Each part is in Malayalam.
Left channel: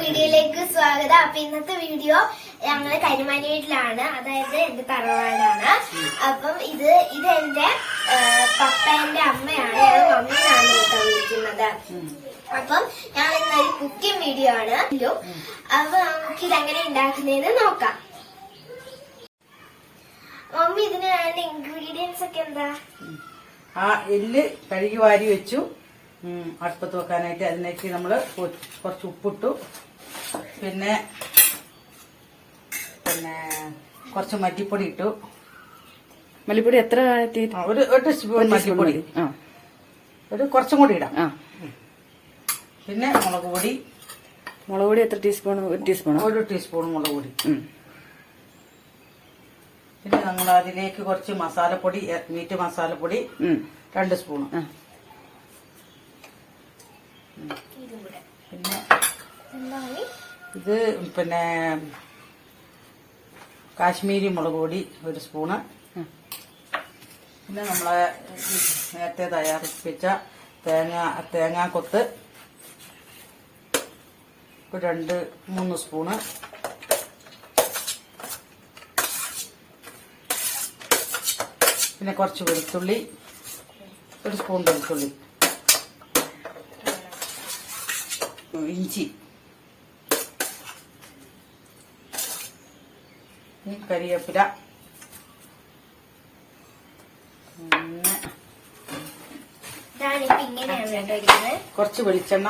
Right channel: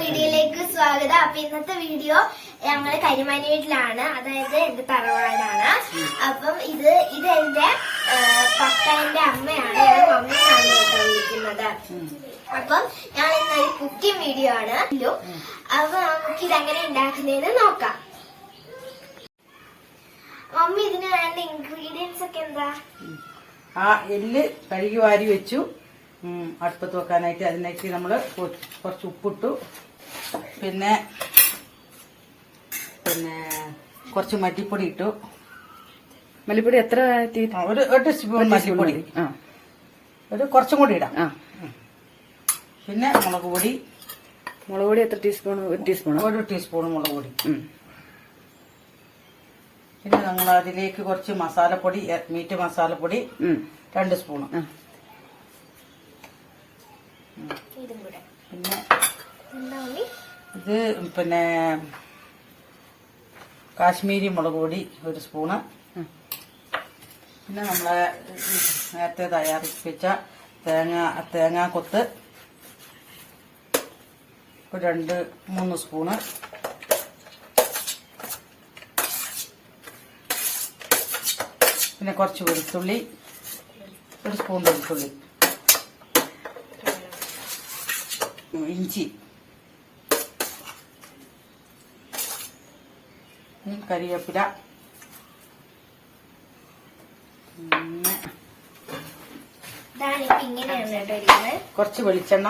വീഡിയോയിലേക്ക് സ്വാഗതം. അപ്പൊ ഇന്നത്തെ വീഡിയോ ഞങ്ങള് കരിമാനി വീട്ടിലാണ്, അതായത് എന്റെ തറവാടാണ്. അപ്പം ഇത് എന്റെ പപ്പേന്റെ അമ്മയാണ്, ഞാൻ മമ്മിന്നാണ് കേട്ടോ വിളിക്കുന്നത്. അപ്പം ഞാൻ ഇന്നൊരു കുക്കിംഗ് വീഡിയോ ആണ്. അപ്പൊ നമുക്ക് ഇതെങ്ങനെ ഉണ്ടാക്കുന്നതെന്ന് നോക്കാം. മമ്മി, ഇതിന് വേണ്ട ഇൻഗ്രീഡിയൻസ് ഒക്കെ എന്താ? എല്ല് കഴുകി വാരി വെച്ചു അടുപ്പത്ത് വെക്കാനായിട്ട്. അതിലേക്ക് നമ്മള് കുറച്ച് ഉപ്പിട്ടു, പിന്നെ കുറച്ച് മല്ലിപ്പൊടി ഇട്ടു. മല്ലിപ്പൊടി എത്ര? ഒരു സ്പൂൺ മല്ലിപ്പൊടി, ഒരു കുറച്ചും കൂടി ഇടാം. പിന്നെ മുളക് പൊടി എത്ര ടീസ്പൂൺ? ഒരു ടീസ്പൂൺ. ഒരു ടീസ്പൂൺ മുളക് പൊടി. പിന്നെ ഞങ്ങൾ അതിലേക്ക് കുറച്ച് മസാലപ്പൊടി, മീറ്റ് മസാലപ്പൊടി 2 സ്പൂൺ. പിന്നെ കാശ്മീരി മുളക് പൊടി 1 സ്പൂണ്. പിന്നെ നമ്മളെ നേരത്തെ തയ്യാറിപ്പിച്ച തേങ്ങാക്കൊത്ത് 2-3 സ്പൂണ്. പിന്നെ കുറച്ച് വെളുത്തുള്ളി, 1 സ്പൂൺ വെളുത്തുള്ളി. ഇഞ്ചി, കരിവേപ്പില, കുറച്ച് വെളിച്ചെണ്ണ,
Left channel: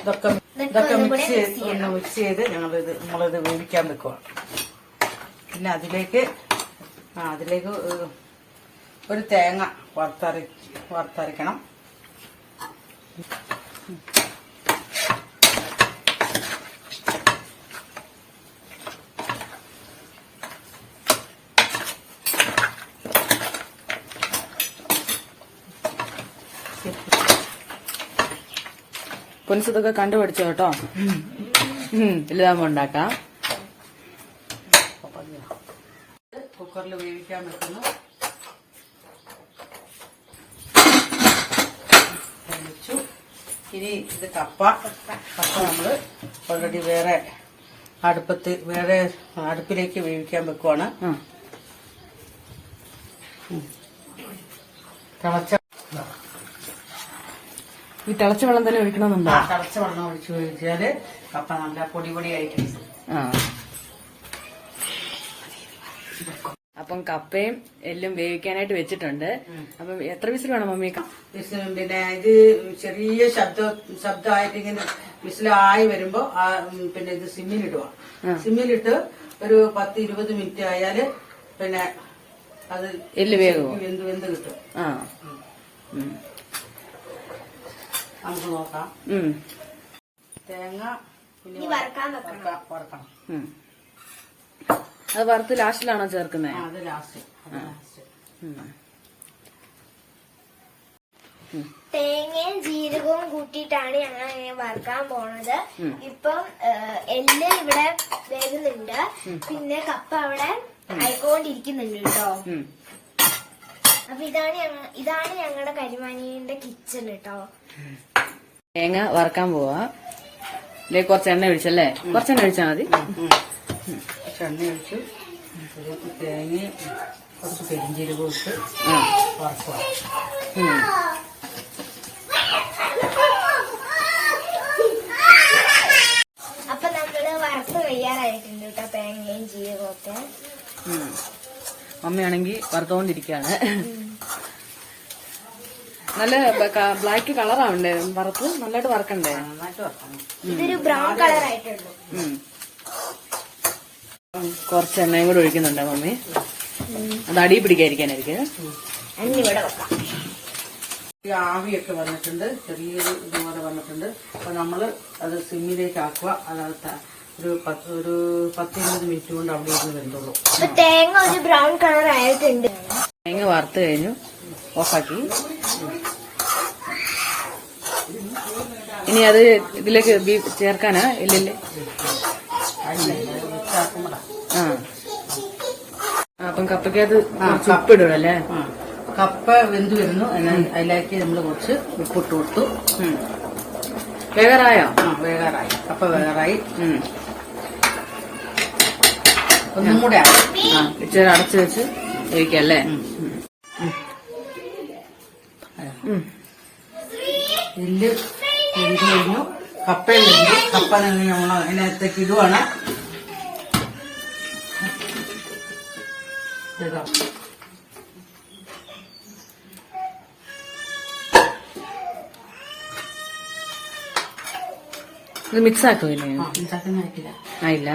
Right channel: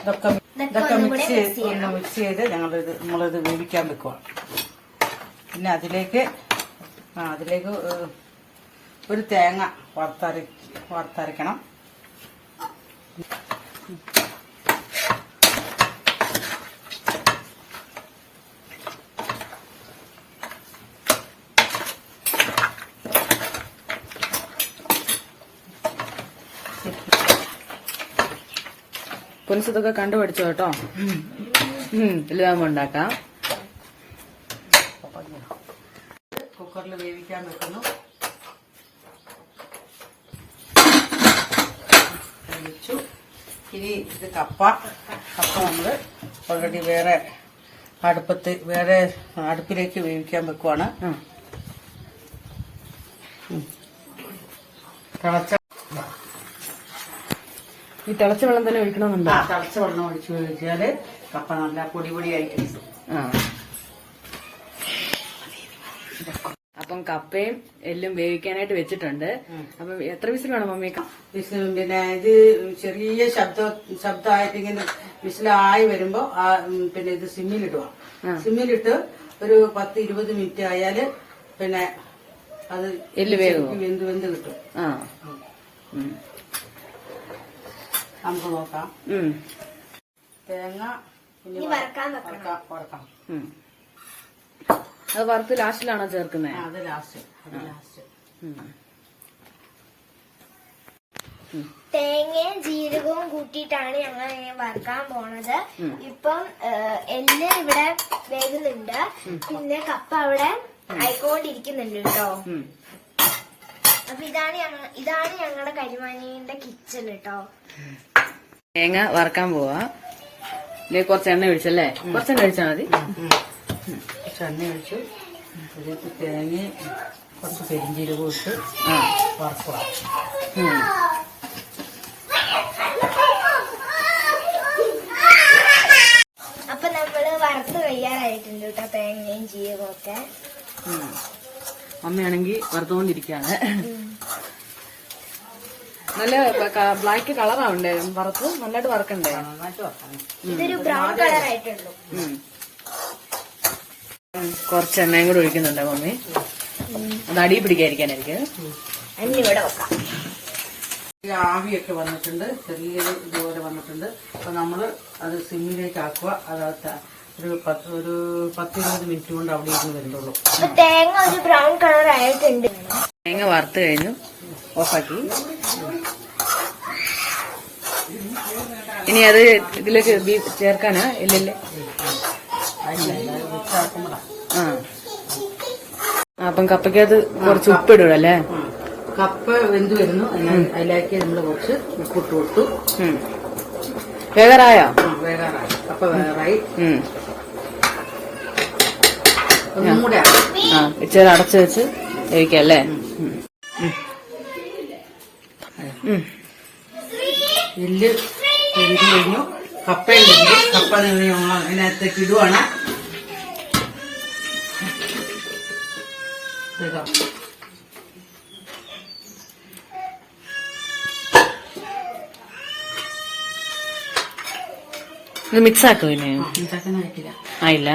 ഇതൊക്കെ മിക്സ് ചെയ്ത് നമ്മളിത് വേവിക്കാൻ വെക്കുക. പിന്നെ അതിലേക്ക് ഒരു തേങ്ങ വറുത്തരയ്ക്കണം. പൊൻസിതൊക്കെ കണ്ടുപിടിച്ചു കേട്ടോ. എല്ലാം ഉണ്ടാക്കാം. കുക്കറിൽ വേവിക്കാൻ വെക്കുന്നു. ഇനി ഇത് കപ്പ നമ്മള് ഓൾറെഡി വേറെ അടുപ്പിലേക്ക് വേവിക്കാൻ വെക്കുവാണ്. ഈ തിളച്ച വെള്ളം തന്നെ ഒഴിക്കണമെന്നുണ്ടോ? തിളച്ച വെള്ളം ഒഴിച്ചു കഴിച്ചാല് കപ്പ നല്ല പൊടിയായിട്ട്. അപ്പം കപ്പയും എല്ലും വേവിക്കാനായിട്ട് വെച്ചിട്ടുണ്ട്. അപ്പം എത്ര വിസിൽ വേണം മമ്മി? പിന്നെ ഇത് ചെറിയ ശബ്ദമായിട്ട് ഇങ്ങനെ വിസിലായി വരുമ്പോ പിന്നെ ഇത് സിമ്മിലിടുക. സിമ്മിലിട്ട് ഒരു 10-20 മിനിറ്റ് ആയാല് പിന്നെ അത് എല്ല് വെന്ത് കിട്ടും. നമുക്ക് നോക്കാം. തേങ്ങ വറക്കണം. അത് വറുത്ത് ലാസ്റ്റിലാണോ ചേർക്കുന്നത്? അത് ലാസ്റ്റ്. തേങ്ങയും ജീരകവും കൂട്ടിയിട്ടാണ് ഞങ്ങൾ വറുക്കാൻ പോണത്. ഇപ്പം എല്ല് ഇവിടെ വേകുന്നുണ്ട്, പിന്നെ കപ്പ അവിടെ ആയിക്കൊണ്ടിരിക്കുന്നുണ്ട് കേട്ടോ. അപ്പൊ ഇതാണ് ഞങ്ങളുടെ കരിമാനിയുടെ കിച്ചൺ കേട്ടോ. തേങ്ങ വറക്കാൻ പോവാ. കുറച്ച് എണ്ണ ഒഴിച്ചല്ലേ? കുറച്ചെണ്ണ ഒഴിച്ചാൽ മതി. എണ്ണ ഒഴിച്ചു, തേങ്ങ കുറച്ച് പെരിഞ്ചീരകം ഇട്ട് വറക്കുക. അപ്പൊ നമ്മള് വറുത്ത് കഴിയാറായിട്ടുണ്ട് കേട്ടോ, തേങ്ങയും ജീരകവും ഒക്കെ. അമ്മയാണെങ്കിൽ വറുത്തോണ്ടിരിക്കാണ്. നല്ല ബ്ലാക്ക് കളറാവണ്ടേ വറുത്ത്? നന്നായിട്ട് വറക്കണ്ടേ? ഇതൊരു ബ്രൗൺ കളർ ആയിട്ടുള്ളൂ. കുറച്ച് എണ്ണയും കൂടെ ഒഴിക്കുന്നുണ്ട് മമ്മി, അത് അടി പിടിക്കാതിരിക്കാനായിരിക്കും. ഇവിടെ വെക്കാം. ആവിയൊക്കെ വന്നിട്ടുണ്ട്, ചെറിയൊരു ഇതുപോലെ വന്നിട്ടുണ്ട്. അപ്പൊ നമ്മള് അത് സിമ്മിലേക്ക് ആക്കുക. അത് ഒരു 10-20 മിനിറ്റ് കൊണ്ട് അവിടെ ഇരുന്ന് വരുന്നുള്ളൂ. തേങ്ങ ഒരു ബ്രൗൺ കളർ ആയിട്ടുണ്ട്. തേങ്ങ വറുത്ത് കഴിഞ്ഞു, ഓഫാക്കി. ഇനി അത് ഇതിലേക്ക് ചേർക്കാനാ? ഇല്ലല്ലേ? അപ്പം കപ്പയ്ക്കകത്ത് കുറച്ച് ഉപ്പിടൂടല്ലേ? കപ്പ വെന്ത് വരുന്നു. അതിലേക്ക് നമ്മൾ കുറച്ച് ഉപ്പിട്ട് കൊടുത്തു. വേഗറായോ? വേഗറായി. കപ്പ വേഗറായി. ഒന്നും കൂടെ ഇച്ചിരി അടച്ചു വെച്ച് കഴിക്കല്ലേ. എല്ല് വെന്ത് കഴിഞ്ഞു. കപ്പയും വെന്തു. കപ്പ അതിനകത്തേക്ക് ഇടുവാണ്. ഇത് മിക്സ് ആക്കും. പിന്നെ ആയിട്ടില്ല. ആയില്ല.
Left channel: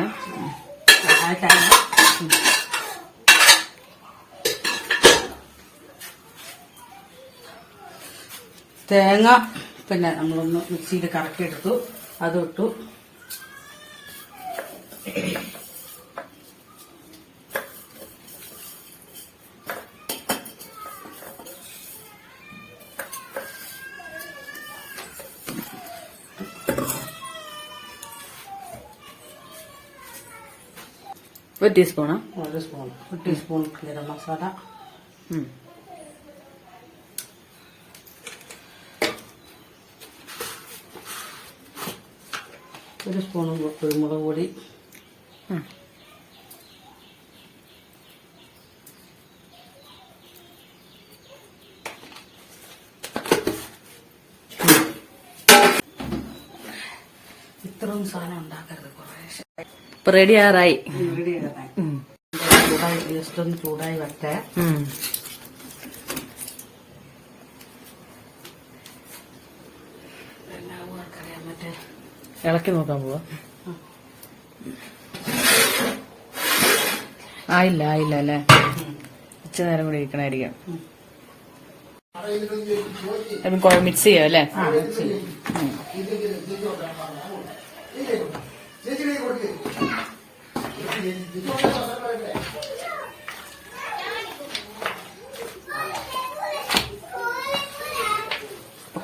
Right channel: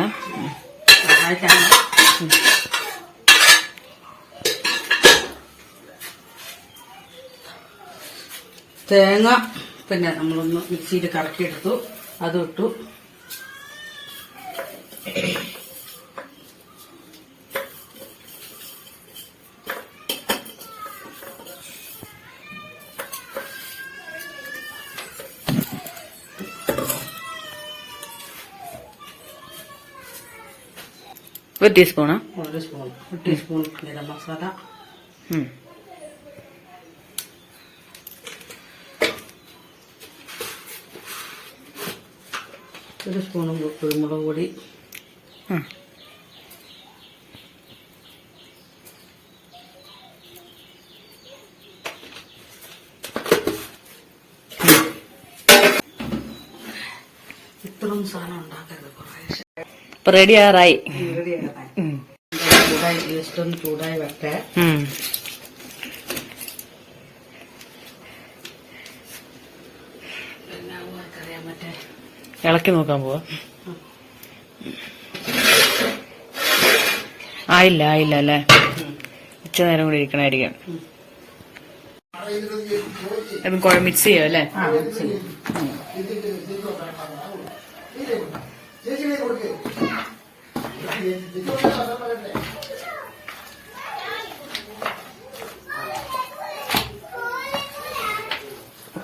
തേങ്ങ പിന്നെ നമ്മളൊന്ന് മിക്സിയിൽ കറക്കിയെടുത്തു. അതിട്ടു. ഒരു ടീസ്പൂണാ? ഒരു ടീസ്പൂൺ ഗരം മസാല. ഒരു സ്പൂണും കുരുമുളക് പൊടി. ഇത്രയും സാധനം ഉണ്ടാക്കരുത്. ഇപ്പൊ റെഡി ആറായി. ചൂടായി. ജസ്റ്റ് ഒന്ന് ചൂടായി വരട്ടെ. ഇളക്കി നോക്കാൻ പോവാ. ആയില്ല അല്ലേ. ഉച്ച നേരം കൂടി ഇരിക്കണായിരിക്കും. അപ്പം മിക്സ് ചെയ്യാം അല്ലേ.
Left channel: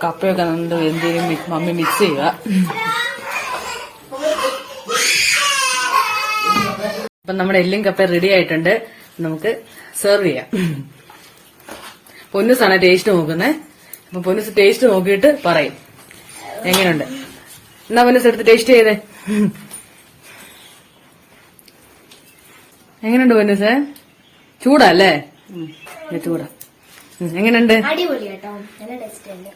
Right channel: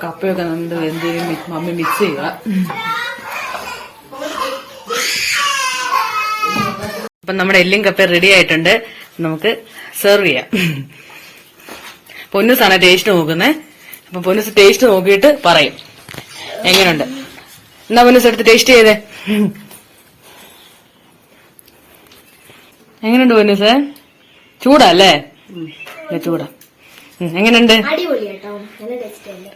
കപ്പയൊക്കെ എന്തെങ്കിലും മമ്മി മിക്സ് ചെയ്യുക. അപ്പൊ നമ്മുടെ എല്ലും കപ്പ റെഡി ആയിട്ടുണ്ട്. നമുക്ക് സെർവ് ചെയ്യാം. പൊന്നുസാണ് ടേസ്റ്റ് നോക്കുന്നേ. അപ്പൊ പൊന്നുസ് ടേസ്റ്റ് നോക്കിയിട്ട് പറയും എങ്ങനെയുണ്ട്. എന്നാ പൊന്നുസ് എടുത്ത് ടേസ്റ്റ് ചെയ്തേ. എങ്ങനെയുണ്ട് പൊന്നുസ്? ചൂടല്ലേ? ചൂടാ. എങ്ങനെയുണ്ട്? അടിപൊളി കേട്ടോ. നല്ല ടേസ്റ്റ് ഉണ്ട്.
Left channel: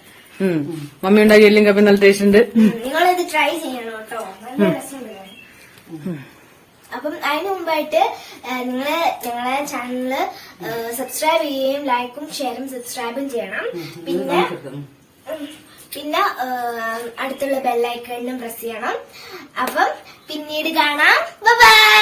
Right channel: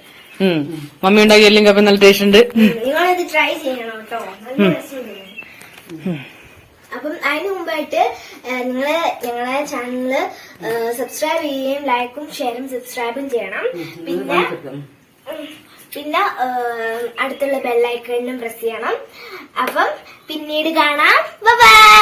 മമ്മി ഉണ്ടാക്കി എല്ലും കപ്പ നല്ല ടേസ്റ്റ് ഉണ്ട്. നിങ്ങളിത് ട്രൈ ചെയ്യണം കേട്ടോ. നല്ല രസമുണ്ട്. അപ്പം അതിന് മുമ്പായിട്ട് നിങ്ങള് ഞങ്ങളെ ചാനല് സബ്സ്ക്രൈബ് ചെയ്യുകയും ലൈക്കും ഷെയറും സബ്സ്ക്രൈബും ചെയ്യണം. പിന്നെ അടുത്തുള്ള ബെല്ലൈക്കണിലും പ്രസ് ചെയ്യണം. അപ്പം പിന്നീട് കാണാം. ബൈ.